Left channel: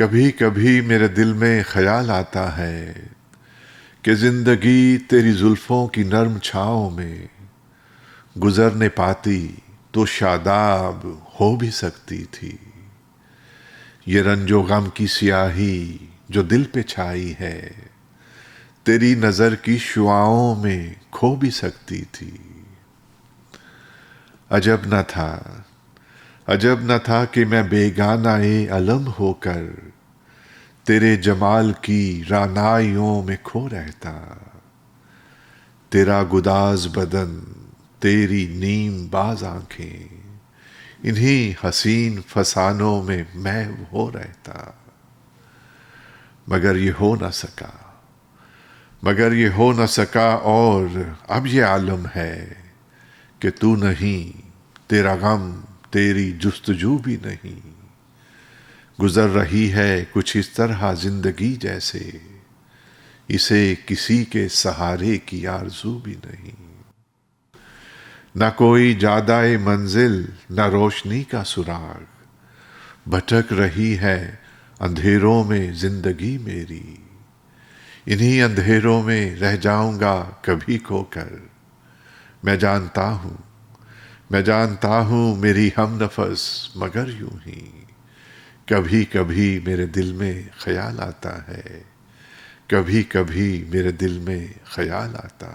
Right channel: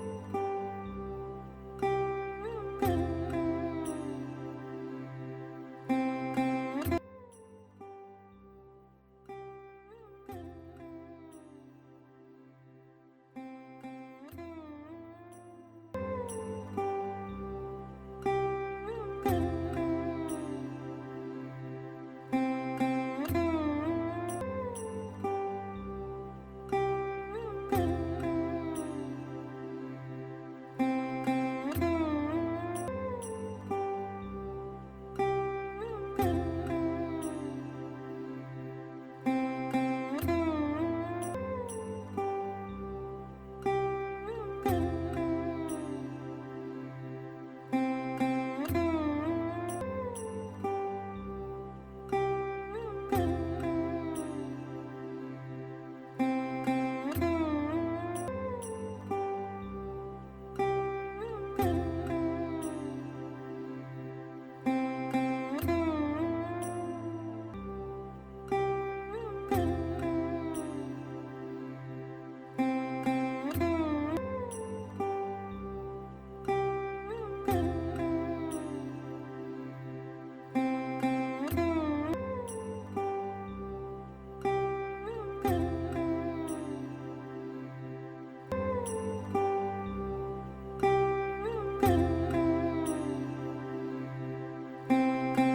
کبھی کبھی میرے دل میں خیال آتا ہے کہ زندگی تیری زلفوں کی نرم چھاؤں میں گزرنے پاتی تو شاداب ہو بھی سکتی تھی۔ یہ رنج و غم کی سیاہی جو دل پہ چھائی ہے تیری نظر کی شعاؤں میں کھو بھی سکتی تھی۔ عجب نہ تھا کہ میں بیگانہ علم ہو کر تیرے جمال کی رعنائیوں میں کھو رہتا۔ تیرا گداز بدن، تیری نیم باز آنکھیں، انہی حسین فسانوں میں میں ہو رہتا۔ مگر یہ ہو نہ سکا اور اب یہ عالم ہے کہ تو نہیں، تیرا غم، تیری جستجو بھی نہیں۔ گزر رہی ہے کچھ اس طرح زندگی جیسے اسے کسی کے سہارے کی آرزو بھی نہیں۔ نہ کوئی جادہ منزل، نہ روشنی کا سراغ، بھٹک رہی ہے اندھیروں میں زندگی میری۔ انہی اندھیروں میں رہ جاؤں گا کبھی کھو کر۔ میں جانتا ہوں میری ہم نفس، مگر یوں ہی کبھی کبھی میرے دل میں خیال آتا ہے، کبھی کبھی میرے دل میں خیال آتا ہے۔